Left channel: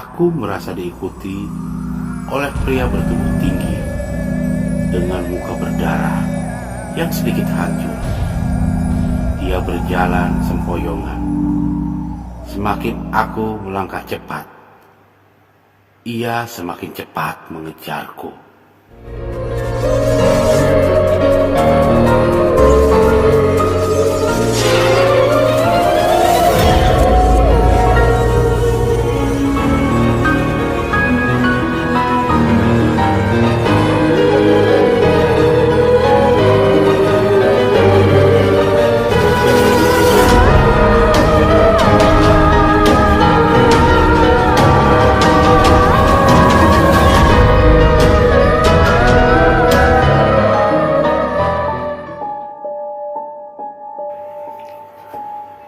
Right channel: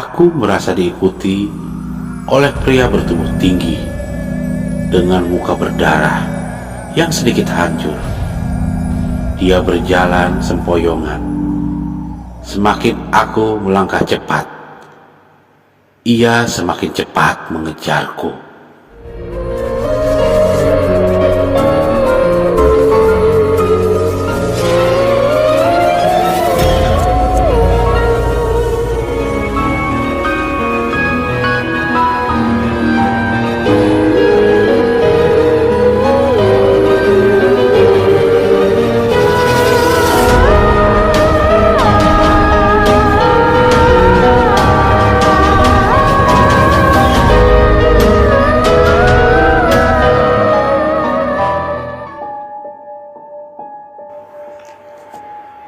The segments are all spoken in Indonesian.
Aku merasa diikuti oleh pria bertubuh tinggi dengan muka berdarah yang sedikit hancur. Dia berjalan sempoyongan. Semakin aku melangkah cepat, ia semakin cepat mengejarku.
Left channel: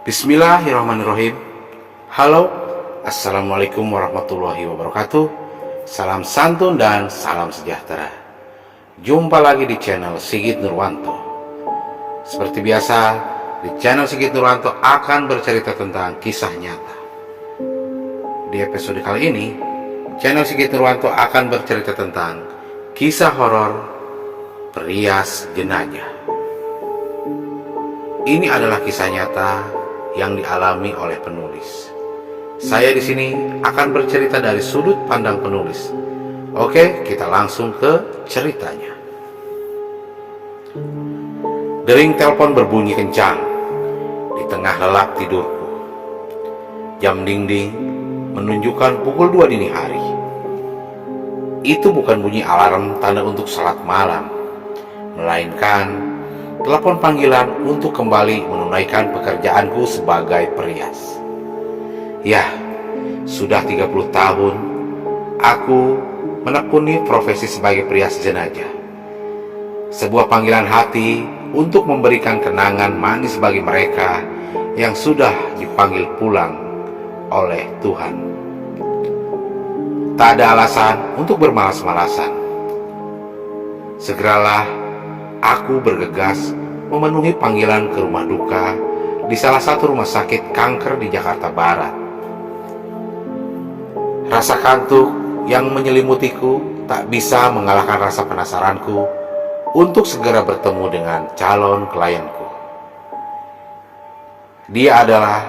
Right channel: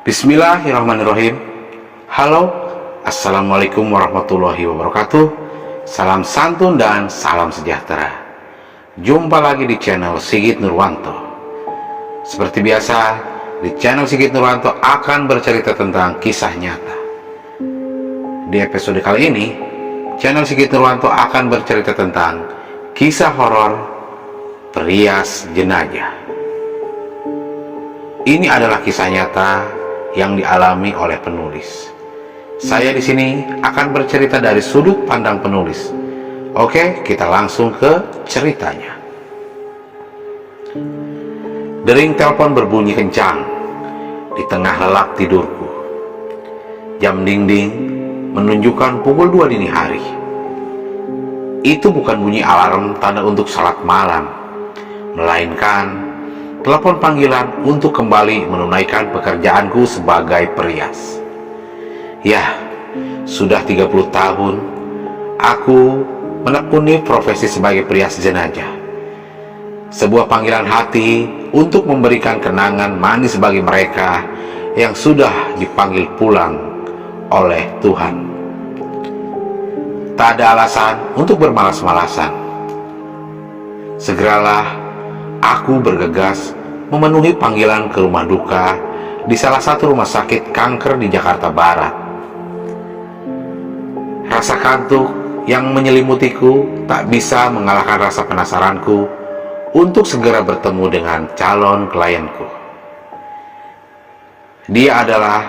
Bismillahirrahmanirrahim. Halo, assalamualaikum warahmatullahi wabarakatuh. Salam santun dan salam sejahtera. Jumpa lagi di channel Sigit Nurwanto. Seperti biasa, di channel Sigit Nurwanto akan bercerita tentang kisah nyata. Di episode kali ini, channel Sigit Nurwanto akan bercerita tentang kisah horor Perias Jenazah. Ini adalah kisah nyata yang dialami oleh penulis. Saya di sini akan bercerita dari sudut pandang penulis. Oke, kita langsung ke ceritanya. Dering telepon berbunyi kencang di tengah lelap tidurku. Jam dinding menunjukkan pukul 2 dini hari. Itu bukan bunyi alarm tanda untuk salat malam, melainkan telepon panggilan untuk kembali menunaikan pekerjaanku sebagai perias. Ya, sudah 30 tahun aku menekuni profesi sebagai perias jenazah. Sebuah panggilan hati untuk memberikan kenangan manis bagi mereka yang sudah dipanggil pulang oleh Tuhan. Tak ada alasan untuk bermalas-malasan. Segeralah aku bergegas memenuhi panggilan ke rumah duka di salah satu rumah sakit kanker di Jakarta Barat. Rasa kantuk yang menyelimutiku tak bisa mengalahkan rasa penasaranku untuk segera bertemu dengan calon klienku. Dia adalah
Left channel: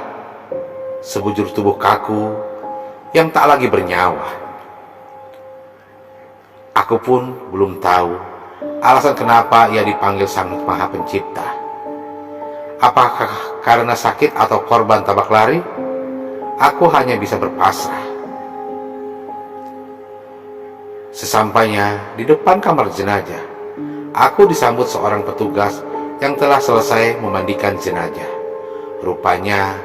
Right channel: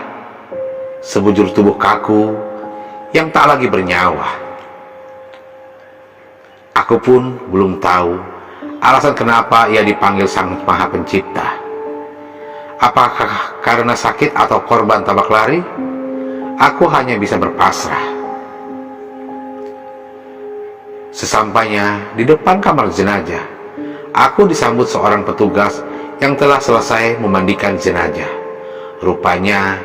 sebujur tubuh kaku yang tak lagi bernyawa. Aku pun belum tahu alasan kenapa ia dipanggil Sang Maha Pencipta. Apakah karena sakit atau korban tabrak lari? Aku hanya bisa berpasrah. Sesampainya di depan kamar jenazah, aku disambut seorang petugas yang telah selesai memandikan jenazah. Rupanya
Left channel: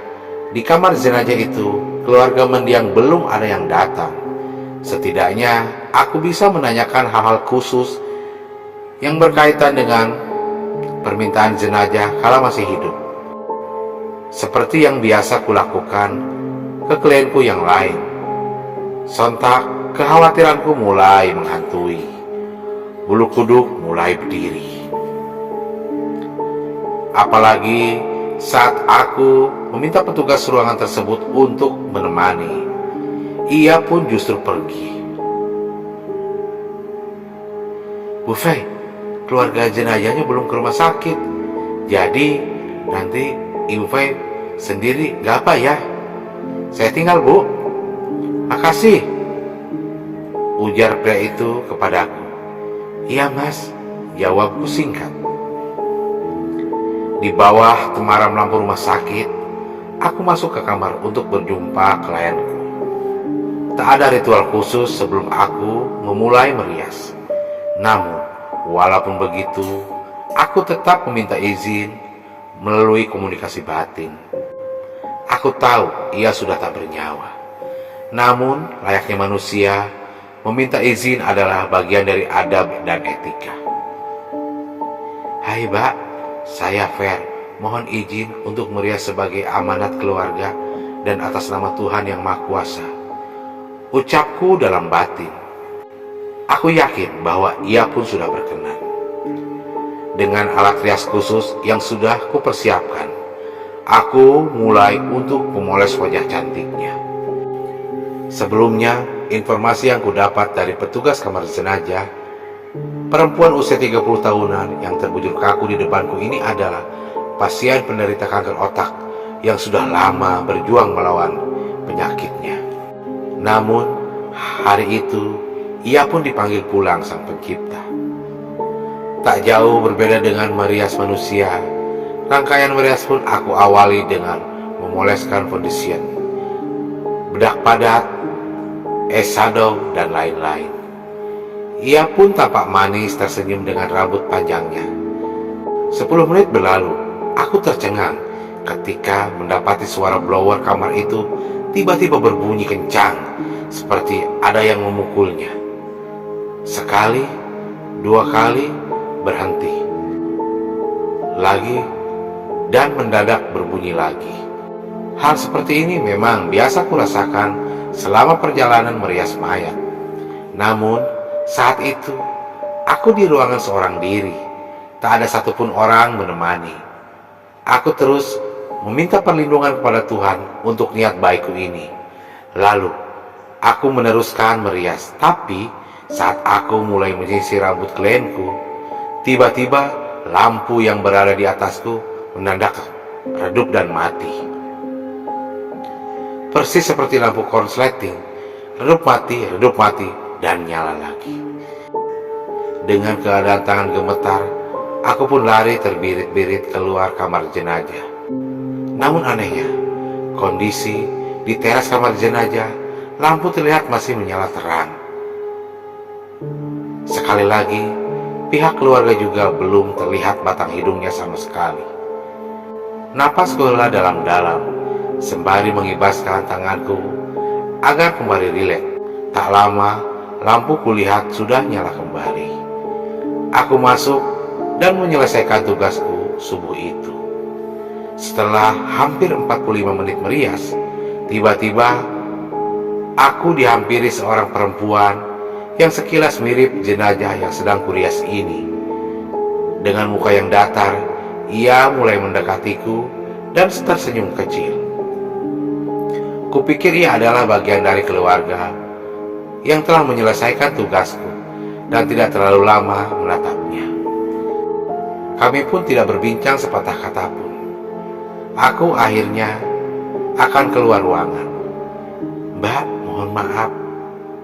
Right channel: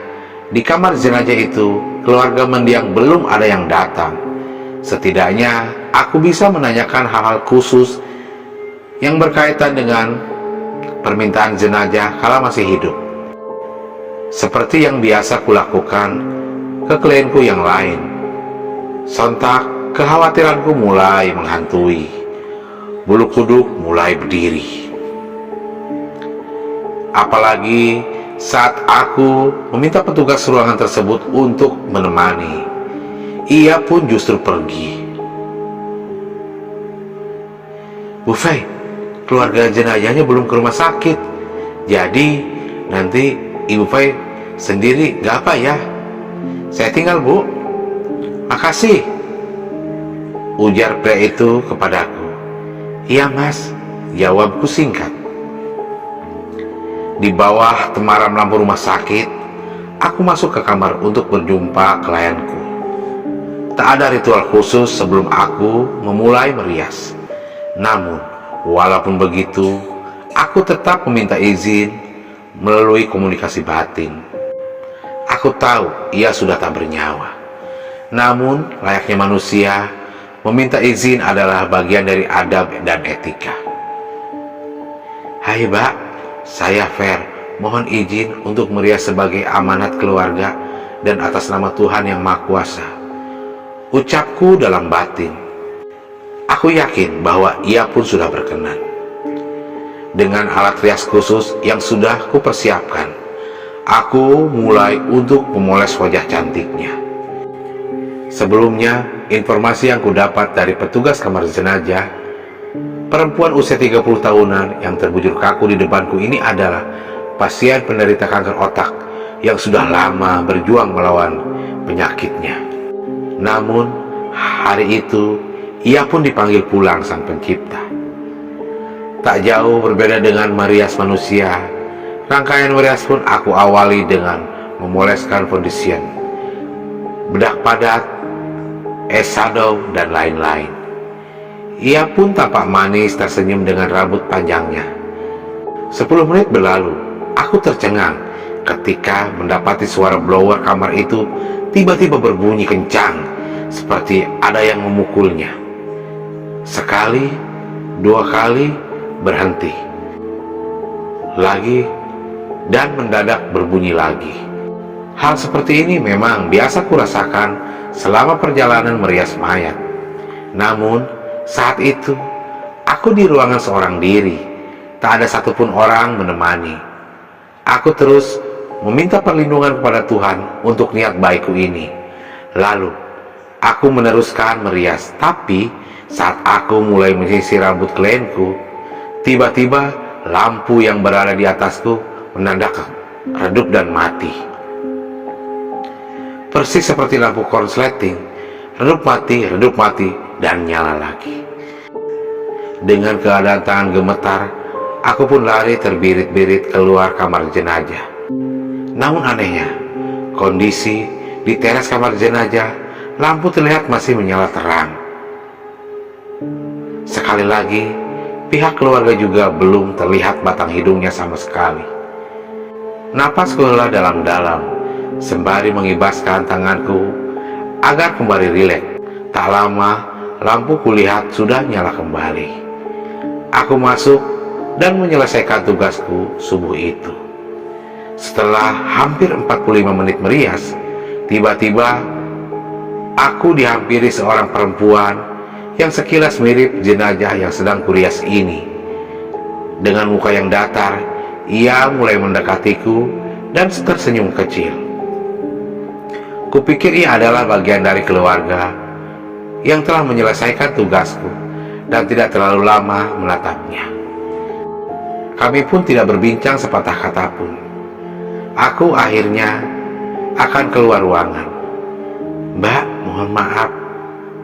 di kamar jenazah itu keluarga mendiang belum ada yang datang. Setidaknya aku bisa menanyakan hal-hal khusus yang berkaitan dengan permintaan jenazah kala masih hidup. Seperti yang biasa kulakukan ke klienku yang lain. Sontak kekhawatiranku mulai menghantui. Bulu kuduk mulai berdiri. Apalagi saat aku meminta petugas ruangan tersebut untuk menemani. Ia pun justru pergi. Bu Fei, keluarga jenazahnya belum ke rumah sakit. Jadi nanti Ibu Fei sendiri gak apa ya? Saya tinggal, Bu. Makasih, ujar pria itu kepadaku. Iya Mas, jawabku singkat. Di bawah temaram lampu rumah sakit, aku masuk ke kamar untuk berjumpa klienku. Tak ada ritual khusus sebelum aku memulai merias. Namun, walaupun begitu, aku tetap meminta izin melalui komunikasi batin. Aku tahu ia sudah tak bernyawa. Namun, layaknya manusia, meminta izin adalah bagian dari adab dan etika. Hai Mbak, saya Fer. Mohon izin untuk merias sebagai amanat keluarga dan atas nama Tuhan Yang Maha Kuasa. Ucapku dalam batin. Aku yakin bahwa ia pun sudah berkenan. Dengan alat rias khusus yang sudah kupersiapkan, aku mulai untuk memoles wajah cantiknya. Sebelumnya, informasi yang kudapat dari petugas kamar jenazah, perempuan usia 30 tahunan yang terbujur kaku di depanku ini adalah pasien penderita kanker otak yang sudah lama berjuang melawan penyakitnya. Namun, hari itu ia pun dipanggil pulang Sang Pencipta. Tak jauh berbeda dengan merias manusia, rangkaian merias pun aku awali dengan memoleskan foundation, bedak padat, eyeshadow, dan lain-lain. Ia pun tampak manis tersenyum dengan rambut panjangnya. 10 menit berlalu, aku tercengang ketika mendapati suara blower kamar itu tiba-tiba berbunyi kencang, seperti ada yang memukulnya. Sekali, 2 kali, berhenti lagi, dan mendadak berbunyi lagi. Hal seperti ini memang biasa kurasakan selama perjalanan merias mayat. Namun, saat itu, aku di ruangan seorang diri. Tak ada satupun orang menemani. Aku terus meminta perlindungan kepada Tuhan untuk niat baikku ini. Lalu, aku meneruskan merias. Tapi, saat aku mulai menyisir rambut klienku, tiba-tiba lampu yang berada di atasku mendadak redup dan mati. Persis seperti lampu konsleting, redup mati, dan nyala lagi. Dengan keadaan tangan gemetar, aku pun lari terbirit-birit keluar kamar jenazah. Namun anehnya, kondisi di teras kamar jenazah, lampu terlihat masih menyala terang. Sekali lagi, pihak keluarga juga belum terlihat batang hidungnya sama sekali. Napasku hela dalam-dalam, sembari mengibaskan tanganku agar kembali rileks. Tak lama, lampu kulihat sudah nyala kembali. Aku masuk dan menyelesaikan tugasku subuh itu. Setelah hampir 45 menit merias, tiba-tiba aku dihampiri seorang perempuan yang sekilas mirip jenazah yang sedang kurias ini. Dengan muka yang datar, ia mulai mendekatiku dan tersenyum kecil. Kupikir ia adalah bagian dari keluarga yang telah menyelesaikan tugasku dan tidak terlalu lama menatapnya. Kami pun tidak berbincang sepatah kata pun. Aku akhirnya akan keluar ruangan. "Mbak, mohon maaf,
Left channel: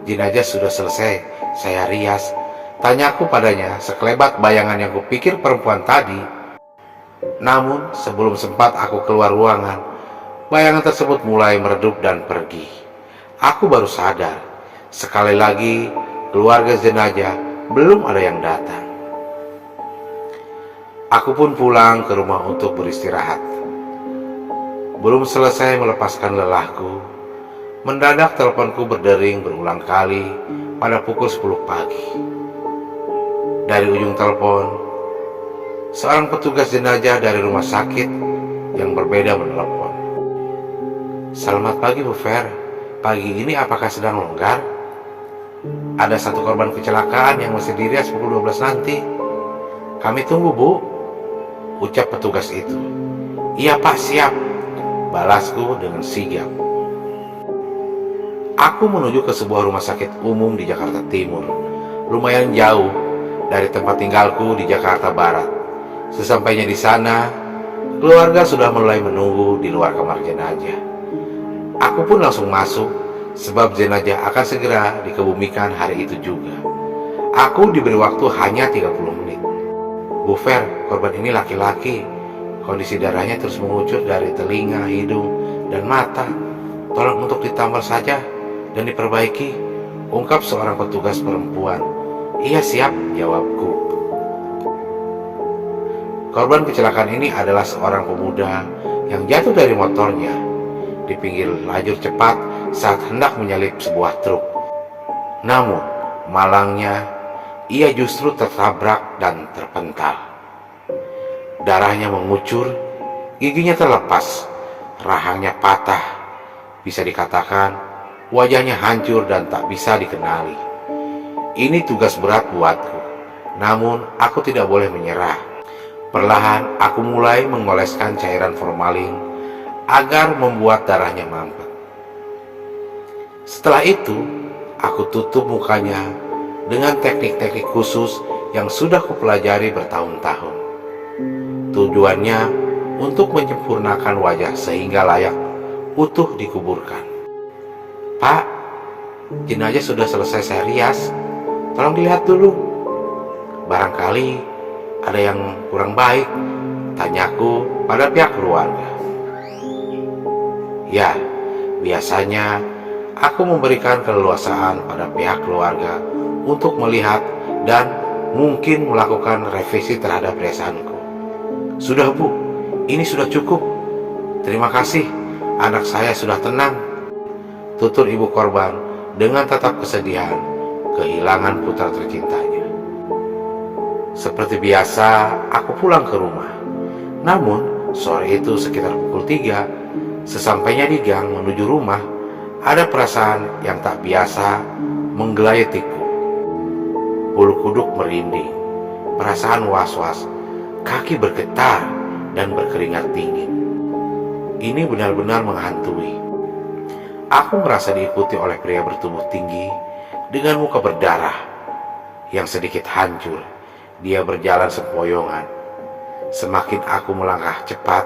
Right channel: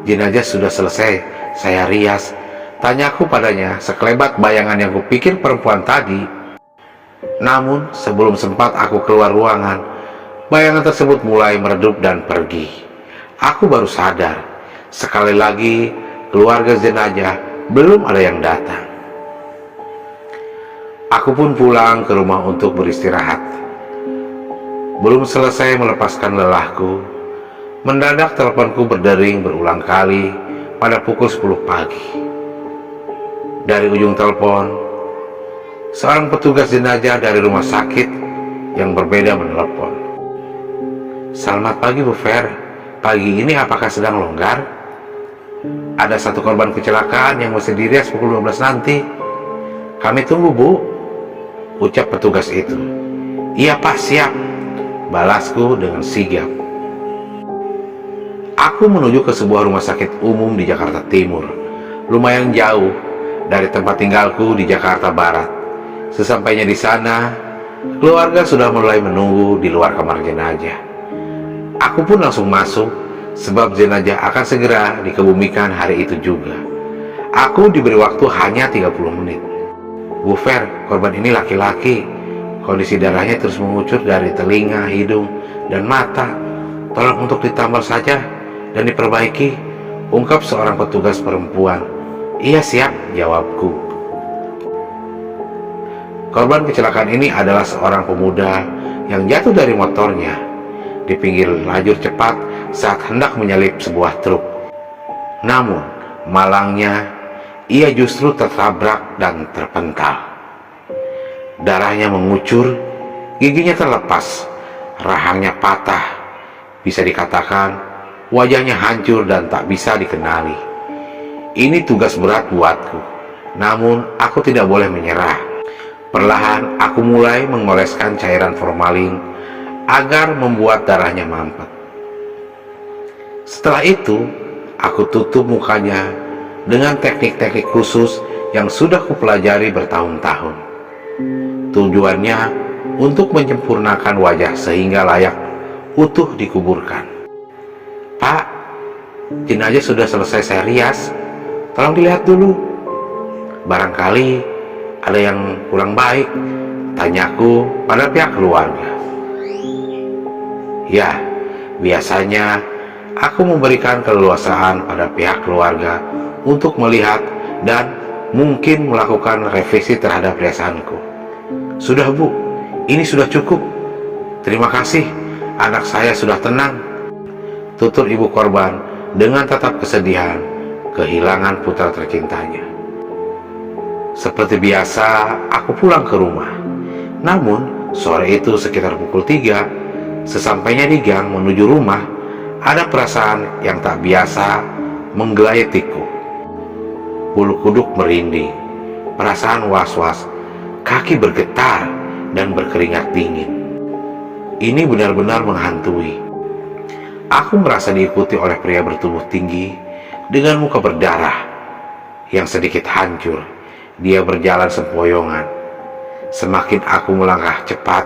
jenazah sudah selesai saya rias," tanyaku padanya sekelebat bayangan yang kupikir perempuan tadi. Namun sebelum sempat aku keluar ruangan, bayangan tersebut mulai meredup dan pergi. Aku baru sadar, sekali lagi keluarga jenazah belum ada yang datang. Aku pun pulang ke rumah untuk beristirahat. Belum selesai melepaskan lelahku, mendadak teleponku berdering berulang kali pada pukul 10 pagi. Dari ujung telepon, seorang petugas jenazah dari rumah sakit yang berbeda menelepon. "Selamat pagi Bu Fer, pagi ini apakah sedang longgar? Ada satu korban kecelakaan yang mesti dirias pukul 12 nanti. Kami tunggu Bu," ucap petugas itu. "Iya Pak, siap," balasku dengan sigap. Aku menuju ke sebuah rumah sakit umum di Jakarta Timur, lumayan jauh dari tempat tinggalku di Jakarta Barat. Sesampainya di sana, keluarga sudah mulai menunggu di luar kamar jenazah. Aku pun langsung masuk, sebab jenazah akan segera dikebumikan hari itu juga. Aku diberi waktu hanya 30 menit. "Bu Fer, korban ini laki-laki. Kondisi darahnya terus mengucur dari telinga, hidung, dan mata. Tolong untuk ditambal saja dan diperbaiki," ungkap seorang petugas perempuan. "Iya siap," jawabku. Korban kecelakaan ini adalah seorang pemuda yang jatuh dari motornya di pinggir lajur cepat saat hendak menyalip sebuah truk. Namun, malangnya, ia justru tertabrak dan terpental. Darahnya mengucur, giginya terlepas, rahangnya patah. Bisa dikatakan, wajahnya hancur dan tak bisa dikenali. Ini tugas berat buatku, namun aku tidak boleh menyerah. Perlahan aku mulai mengoleskan cairan formalin agar membuat darahnya mampet. Setelah itu, aku tutup mukanya dengan teknik-teknik khusus yang sudah kupelajari bertahun-tahun. Tujuannya untuk menyempurnakan wajah sehingga layak utuh dikuburkan. "Pak, jenazah sudah selesai saya rias. Tolong dilihat dulu. Barangkali ada yang kurang baik," tanyaku pada pihak keluarga. Ya, biasanya aku memberikan keleluasaan pada pihak keluarga untuk melihat dan mungkin melakukan revisi terhadap riasanku. "Sudah Bu, ini sudah cukup. Terima kasih, anak saya sudah tenang," tutur ibu korban dengan tatap kesedihan kehilangan putra tercintanya. Seperti biasa, aku pulang ke rumah. Namun, sore itu sekitar pukul 3, sesampainya di gang menuju rumah, ada perasaan yang tak biasa menggelayutiku. Bulu kuduk merinding, perasaan was-was, kaki bergetar dan berkeringat dingin. Ini benar-benar menghantui. Aku merasa diikuti oleh pria bertubuh tinggi dengan muka berdarah yang sedikit hancur. Dia berjalan sempoyongan. Semakin aku melangkah cepat,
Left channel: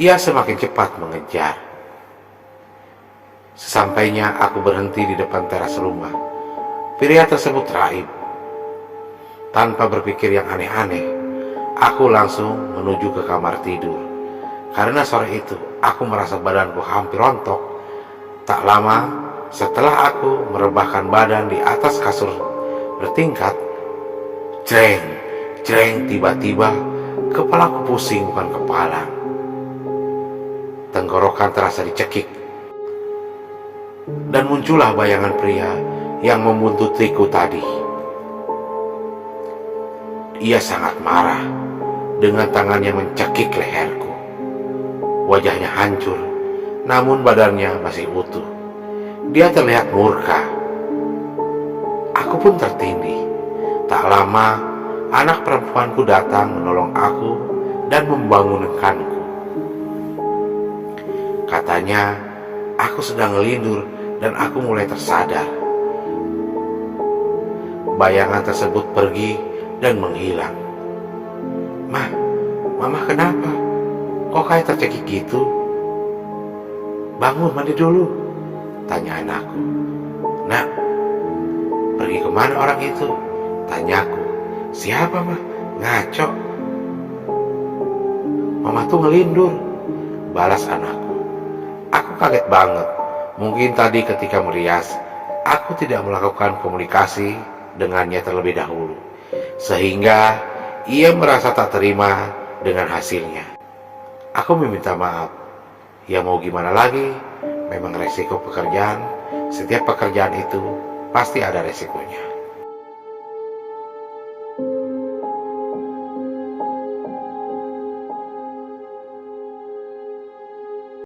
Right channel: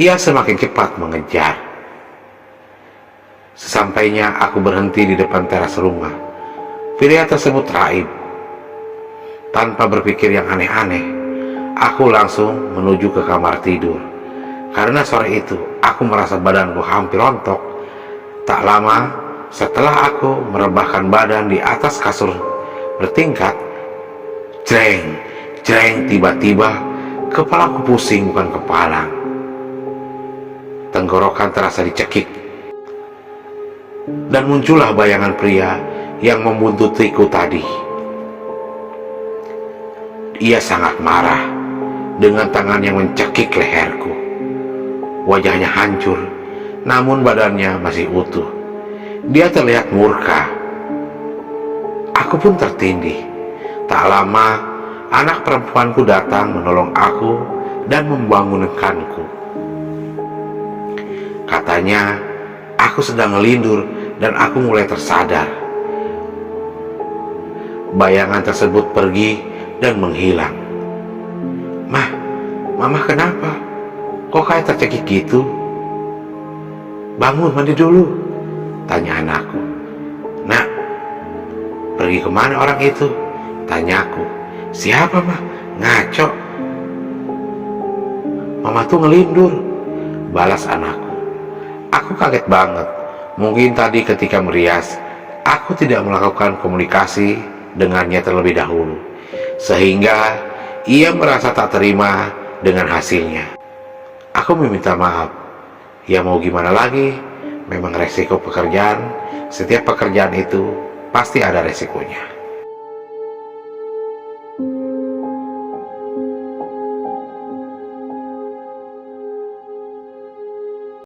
ia semakin cepat mengejar. Sesampainya aku berhenti di depan teras rumah, pria tersebut raib. Tanpa berpikir yang aneh-aneh, aku langsung menuju ke kamar tidur. Karena sore itu aku merasa badanku hampir rontok. Tak lama setelah aku merebahkan badan di atas kasur bertingkat, jreng, jreng, tiba-tiba kepalaku pusing bukan kepalang. Tenggorokan terasa dicekik. Dan muncullah bayangan pria yang membuntutiku tadi. Ia sangat marah dengan tangan yang mencekik leherku. Wajahnya hancur, namun badannya masih utuh. Dia terlihat murka. Aku pun tertindih. Tak lama, anak perempuanku datang menolong aku dan membangunkanku. Katanya, aku sedang ngelindur dan aku mulai tersadar. Bayangan tersebut pergi dan menghilang. "Mah, Mama kenapa? Kok kayak tercekik gitu?" "Bangun, mandi dulu," tanya anakku. "Nak, pergi kemana orang itu?" tanyaku. "Siapa, Mah? Ngaco." "Mama tuh ngelindur," balas anakku. Aku kaget banget. Mungkin tadi ketika merias, aku tidak melakukan komunikasi dengannya terlebih dahulu, sehingga ia merasa tak terima dengan hasilnya. Aku meminta maaf. Ya mau gimana lagi, memang resiko pekerjaan. Setiap pekerjaan itu pasti ada resikonya.